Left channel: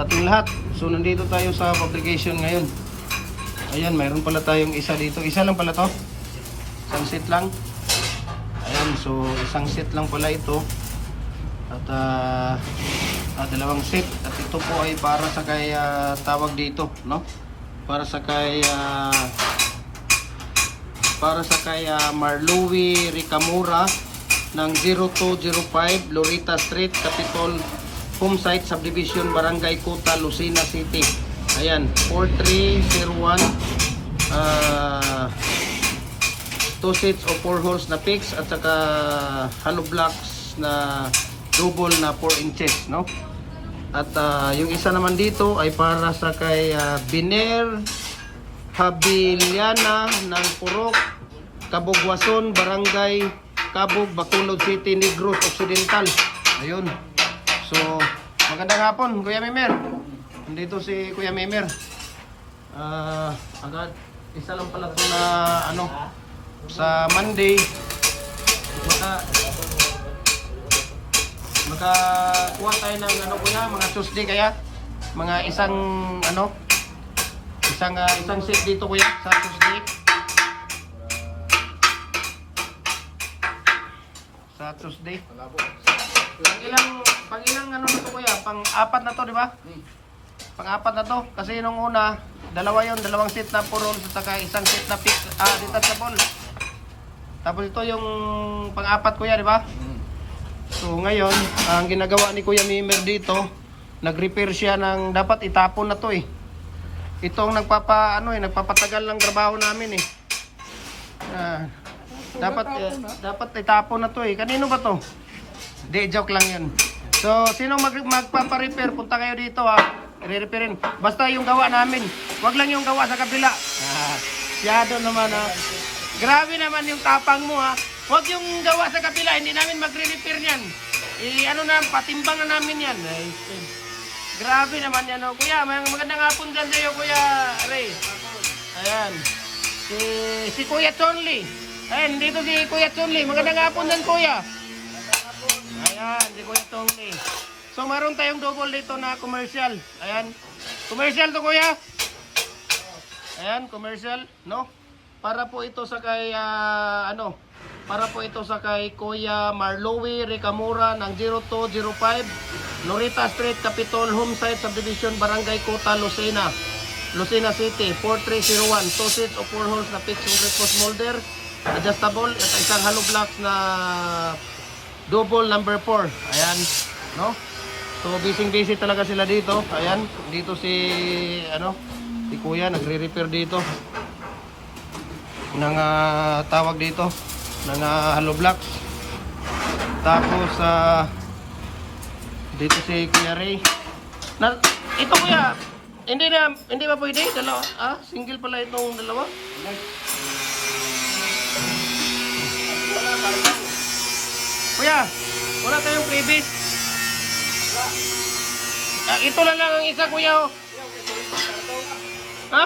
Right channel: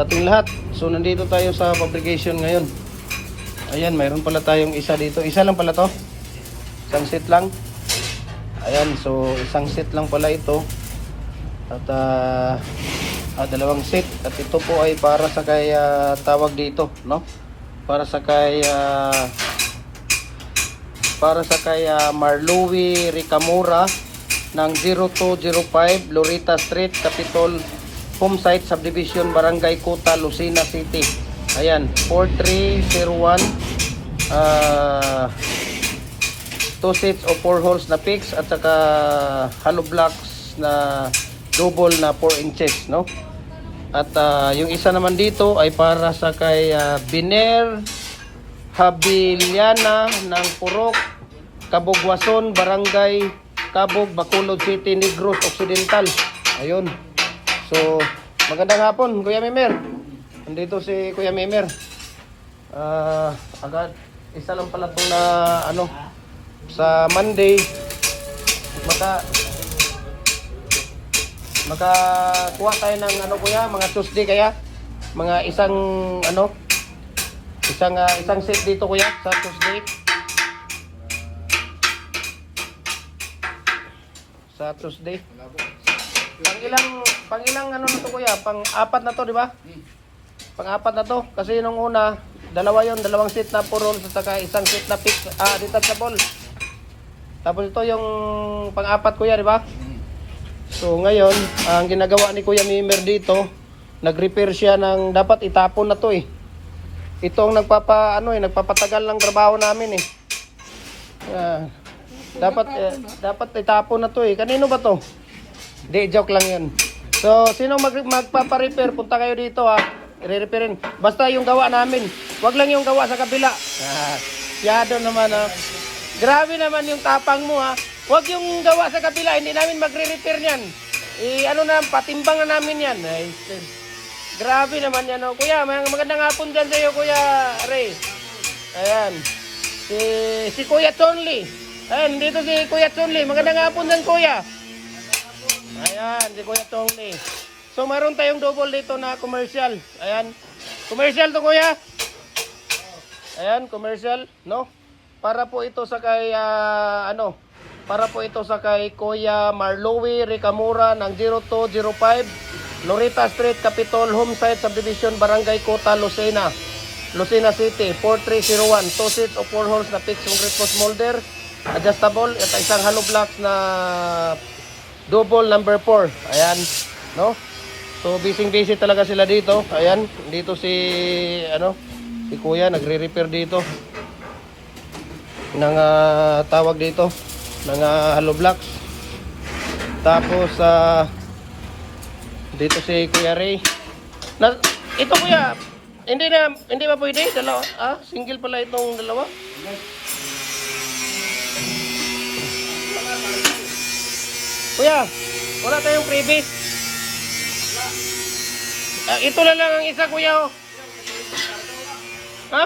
sa ating lahat. So nandito tayo sa fabrication ngayon. Ayan, mayroon pala tayong isa dito. Isa lang pala to. Isang set lang. Ayan, so isang set lang pala ito. At dalawang set. At ito po ay para sa kay tawag dito, no? Para sa kay Marlowe Ricamora ng 0205 Lorita Street, Capitol Homesite Subdivision, Barangay Kuta, Lucena City. Ayan, 4301. 2 sets o 4 holes na fix at saka hollow blocks na double na 4 inches, no? At yung isa naman dito ay para sa kay Biner Habiliana ng Purok, Cabugwason, Barangay Cabug, Bacolod City, Negros Occidental. Ayun. So, magandang hapon, Kuya Mimer. Nandito si Kuya Mimer. Agad, isa lang pala ito na sa Monday makakuha tayo ng kuya, mga Tuesday kaya mga isang set dito kuya sa Tuesday. Sa Tuesday. Pang ilang na to kuya? Pang-apat na to, di ba? Pang-apat na to kasi nung una dalawang set na puro at saka isang set na fix detachable. Tapos ito yung pang-apat kuya, di ba? So ngayon, ang ginagawa ni Kuya Mimer dito, nag-repair siya ng dapat itapon na to eh. Ito ang nagpapatagal ng trabaho namin eh. Dapat itapon na to eh. Kanino ba to? Di, joke lang 'yun. So, sino magpapa-repair, punta kayo dito ha. I-repairin. Basta yung gawa namin. Wag lang yung gawa sa kabila. Siyado naman ha. Grabe naman yung tapang mo ha. Huwag yung gawa sa kabila, hindi namin magre-repair niyan. Patimbang na namin yan. Grabe naman yan oh. Kuya, magandang hapon dyan sa'yo Kuya Ray. Ayan. Si Kuya Chonli. Ayan, dito si Kuya Chonli. Magandang hapon dyan Kuya. Ayan, si Kuya Chonli. So, meron tayong double dito na commercial. Ayan. Commercial to Kuya. Ayan, commercial, no? Para po ito sa kay Kuya Marlowe Ricamora ng 0205 Lorita Street, Capitol Homesite Subdivision, Barangay Kuta, Lucena City, 4301. 2 sets o 4 holes na fixed concrete post molder, adjustable at isang hollow blocks na double number 4. Ayan, no? So busy talaga sila dito. Ayan, dito si Kuya nagre-repair dito ng tawag dito ng hollow blocks. Tapos dito si Kuya Ray ito Kuya, hindi ba pwede dalawa? Single pala itong dalawa. Kuya, wala tayong freebie. Ito na lang ang isa Kuya oh. Ha?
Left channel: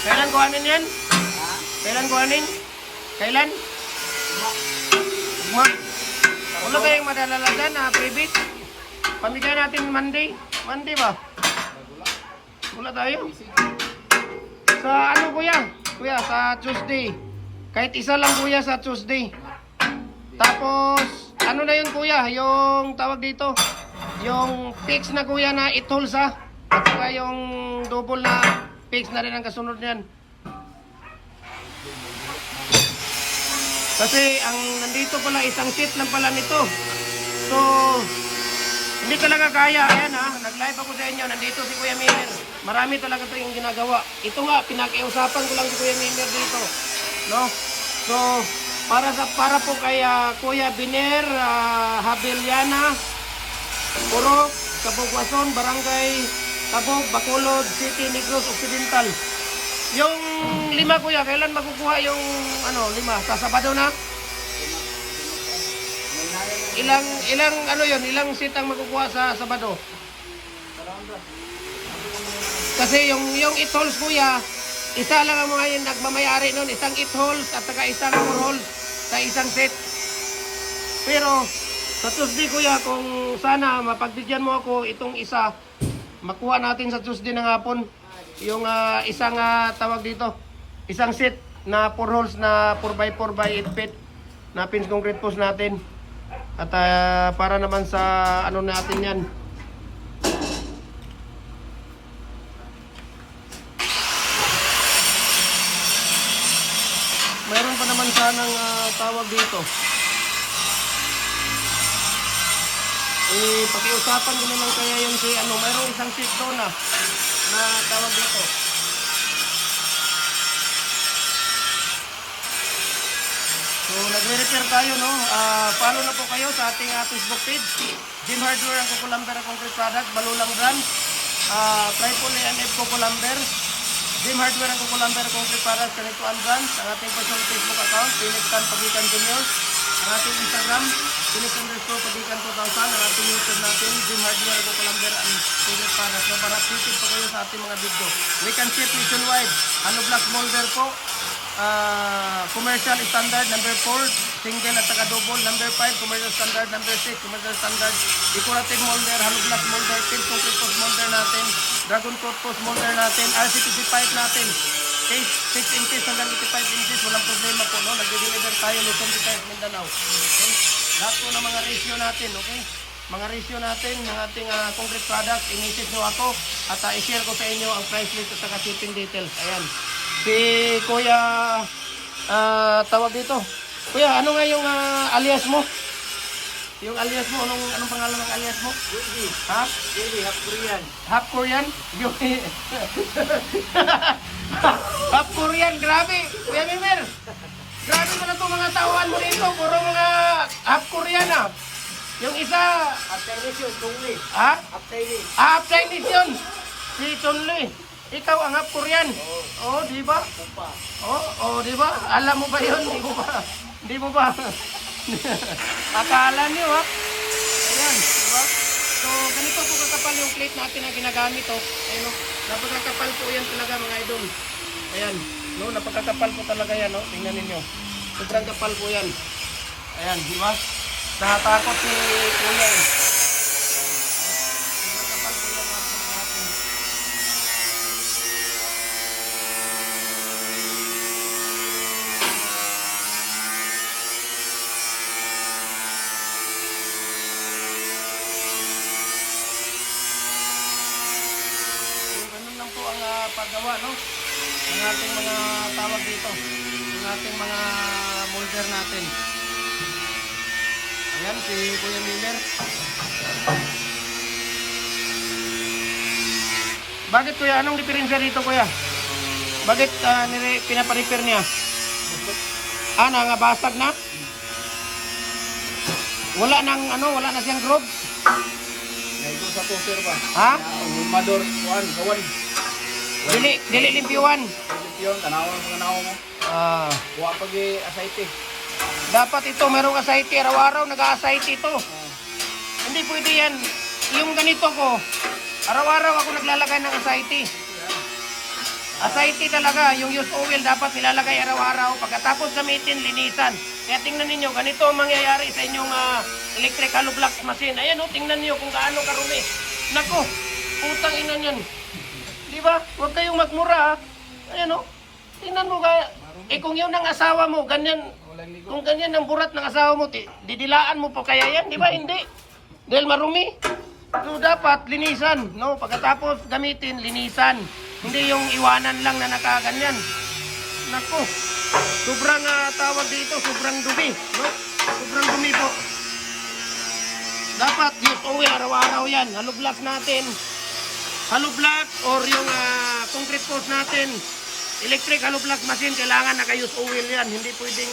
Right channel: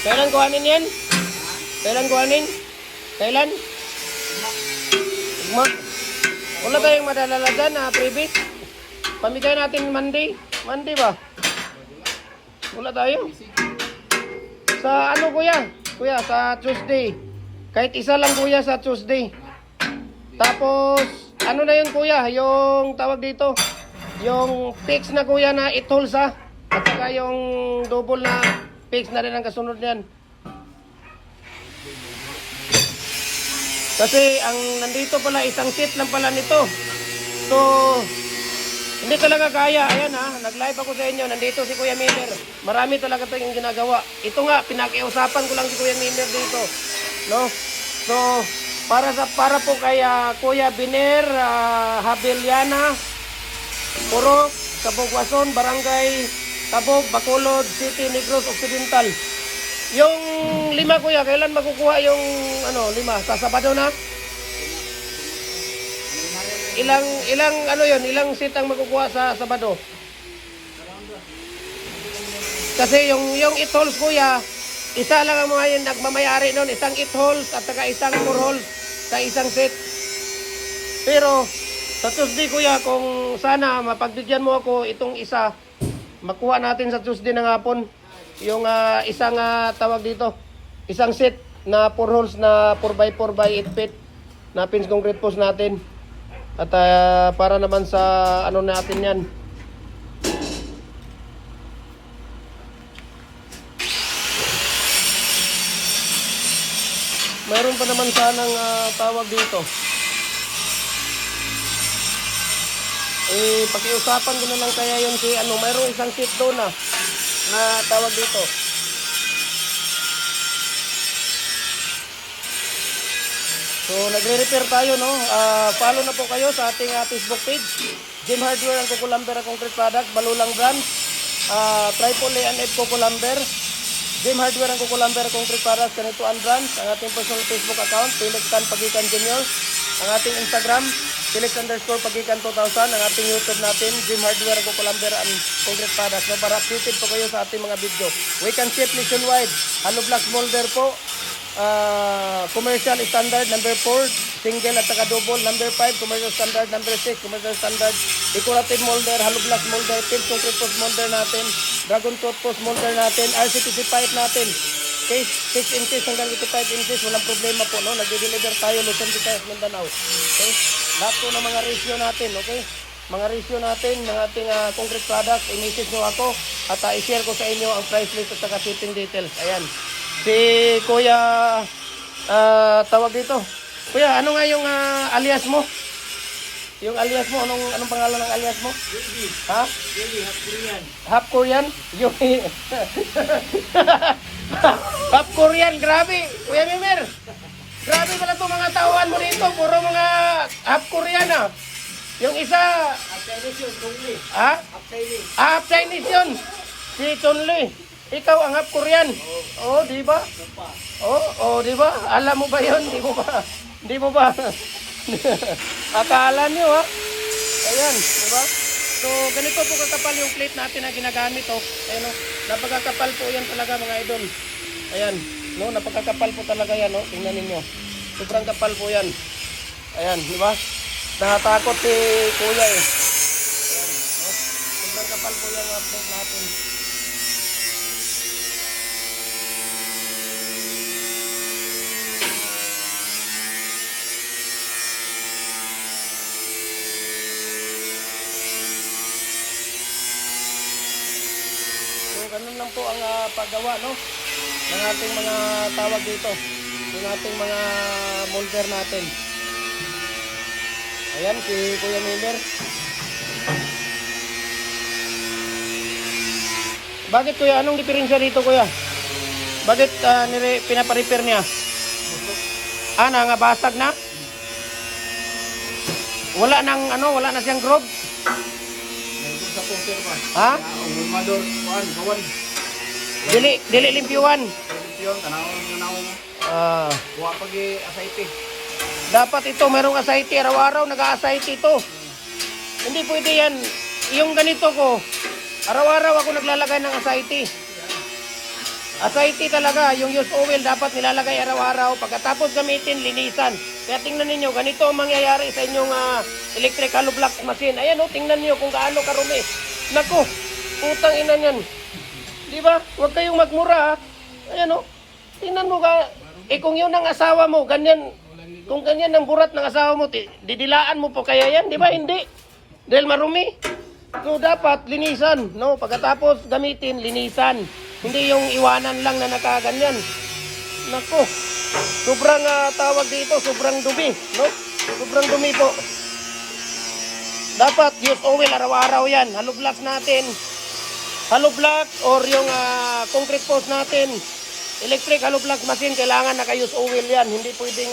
Kailan kuhanin yan? Kailan kuhanin? Kailan? Wala kayang madalala dyan na previous? Pamigay natin Monday? Monday ba? Wala tayo? Sa Kuya? Kuya, sa Tuesday. Kahit isa lang Kuya sa Tuesday. Tapos, na yun Kuya? Yung tawag dito? Yung fix na Kuya na 8 holes ha? At saka yung double na fix na rin ang kasunod niyan. Kasi ang nandito pala isang set lang pala nito. So hindi ka lang kaya. Ayan ha, nag-live ako sa inyo. Nandito si Kuya Miller. Marami talaga ito yung ginagawa. Ito nga, pinakiusapan ko lang si Kuya Miller dito, no? So para po kay Kuya Biner Habiliana Purok, Cabugwason, Barangay Cabug, Bacolod City, Negros Occidental. Yung 5 Kuya, kailan makukuha yung 5? Sa Sabado na? Ilang seat ang makukuha sa Sabado? Kasi yung 8 holes Kuya, isa lang ang mga yung nagmamayari nun, isang 8 holes at saka isang 2 holes sa isang set. Pero sa Tuesday kuya, kung sana mapagbigyan mo ako itong isa, makuha natin sa Tuesday ng hapon yung isang tawag dito, isang set na 4 holes na 4x4 by 8 feet na pins concrete post natin. At para naman sa ano natin yan. Meron pa naman sanang tawag dito. Pakiusapan ko na lang kaya yung si ano, mayroon isang seat doon na tawag dito. So nagre-repair tayo, no? Follow na po kayo sa ating Facebook page, Jim Hardware and Kukulamber Concrete Product, Balulang Brand, Tripod ANF Kukulamber, Jim Hardware and Kukulamber Concrete Product, Canito and Brands, ang ating personal Facebook account, Felix Tan Pagikan Junior, ang ating Instagram, Felix_Pagikan 2000, ang ating YouTube natin, Jim Hardware and Kukulamber and Concrete Product. No, para updated po kayo sa ating mga video. We can ship nationwide. Hollow block molder po. Commercial standard number 4, single at saka double. Number 5, commercial standard. Number 6, commercial standard. Decorative molder, hollow block molder, pin concrete post molder natin, dragon coat post molder natin, RCPC pipe natin. Okay, 6 inches hanggang 85 inches, walang problema po, no? Nagde-deliver tayo, Luzon, Visayas, Mindanao. Okay, lahat po ng mga ratio natin, okay? Mga ratio natin, ng ating concrete product, i-message nyo ako at i-share ko sa inyo ang price list at saka shipping details. Ayan. Si Kuya, tawag dito. Kuya, ano nga yung alias mo? Yung alias mo, anong pangalan ng alias mo? Yogi. Ha? Yogi, half Korean. Half Korean? Yogi. Half Korean, grabe. Kuya Mimer. Grabe pala itong mga tauhan mo dito. Puro mga half Korean ah. Yung isa, Half Chinese yun, Chongli. ha? Half Chinese. Half Chinese yun. Si Chonli. Ikaw ang half Korean. Oh, di ba? Pupa. Oh, di ba? Alam mo ba yun? Di mo ba? Di mo ba? Akala nyo, ha? Ayan, di ba? So, ganito po kakapal yung plate natin na ginagamit, oh. Ayan, oh. Napakakapal po yan talaga, mga idol. Ayan, no? Napakakapal po talaga yan, no? Tingnan ninyo. Sobrang kapal po yan. Ayan, di ba? Nakatakot si Kuya, eh. Sobrang kapal po yan, mga plate natin. So, ganun lang po ang paggawa, no? Ng ating mga tawag dito. Ng ating mga molder natin. Ayan, si Kuya Miller. Bakit Kuya? Anong diferensya dito, Kuya? Bakit pinaparepair niya? Nangabasag na? Wala na siyang growth? Nandun sa poster ba? Ha? Umador, kawan. Dili limpyuan. Yun, tanaw mo. Buwa pag asayti. Dapat ito, merong asayte. Araw-araw nag-asayte ito. Hindi pwede yan. Yung ganito ko, araw-araw ako naglalagay ng asayte. Asayte talaga, yung used oil dapat nilalagay araw-araw. Pagkatapos gamitin, linisan. Kaya tingnan ninyo, ganito ang mangyayari sa inyong electric hollow block machine. Ayan o, tingnan niyo kung gaano karumi. Naku, putang ina niyan. Di ba? Huwag kayong magmura ha. Ayan o, tingnan mo ka. Kung yun ang asawa mo, ganyan. Kung ganyan ang burat ng asawa mo, didilaan mo po kaya yan. Di ba? Hindi. Dahil marumi. So dapat linisan, no? Pagkatapos gamitin, linisan. Hindi yung iwanan lang na nakaganyan. Nako. Sobrang tawag dito, sobrang dumi, no? Sobrang dumi po. Dapat use oil araw-araw yan. Hollow block natin. Hollow block or yung concrete post natin. Electric hollow block machine, kailangan naka-use oil yan. Hindi pwedeng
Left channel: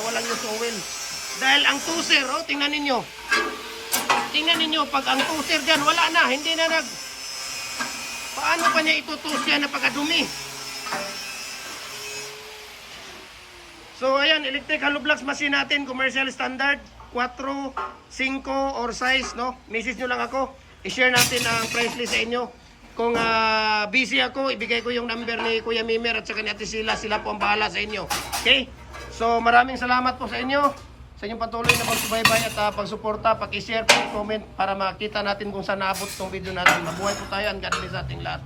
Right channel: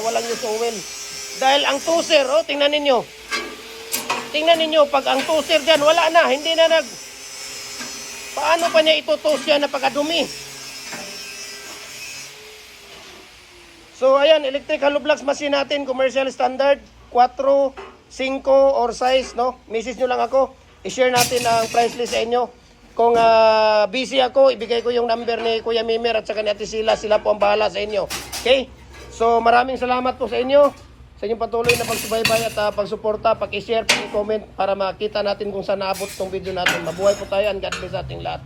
walang use oil. Dahil ang toaster, oh, tingnan ninyo. Tingnan ninyo, pag ang toaster dyan, wala na, hindi na paano pa niya ito-toast yan na pagkadumi? So, ayan, electric hollow blocks machine natin, commercial standard, 4, 5, or size, no? Message nyo lang ako, i-share natin ang price list sa inyo. Kung busy ako, ibigay ko yung number ni Kuya Mimer at saka ni Ate Sila po ang bahala sa inyo. Okay? So, maraming salamat po sa inyo. sa inyong patuloy na pagsubaybay at pagsuporta, paki-share, paki-comment para makita natin kung saan naabot itong video natin. Mabuhay po tayo and God bless sa ating lahat.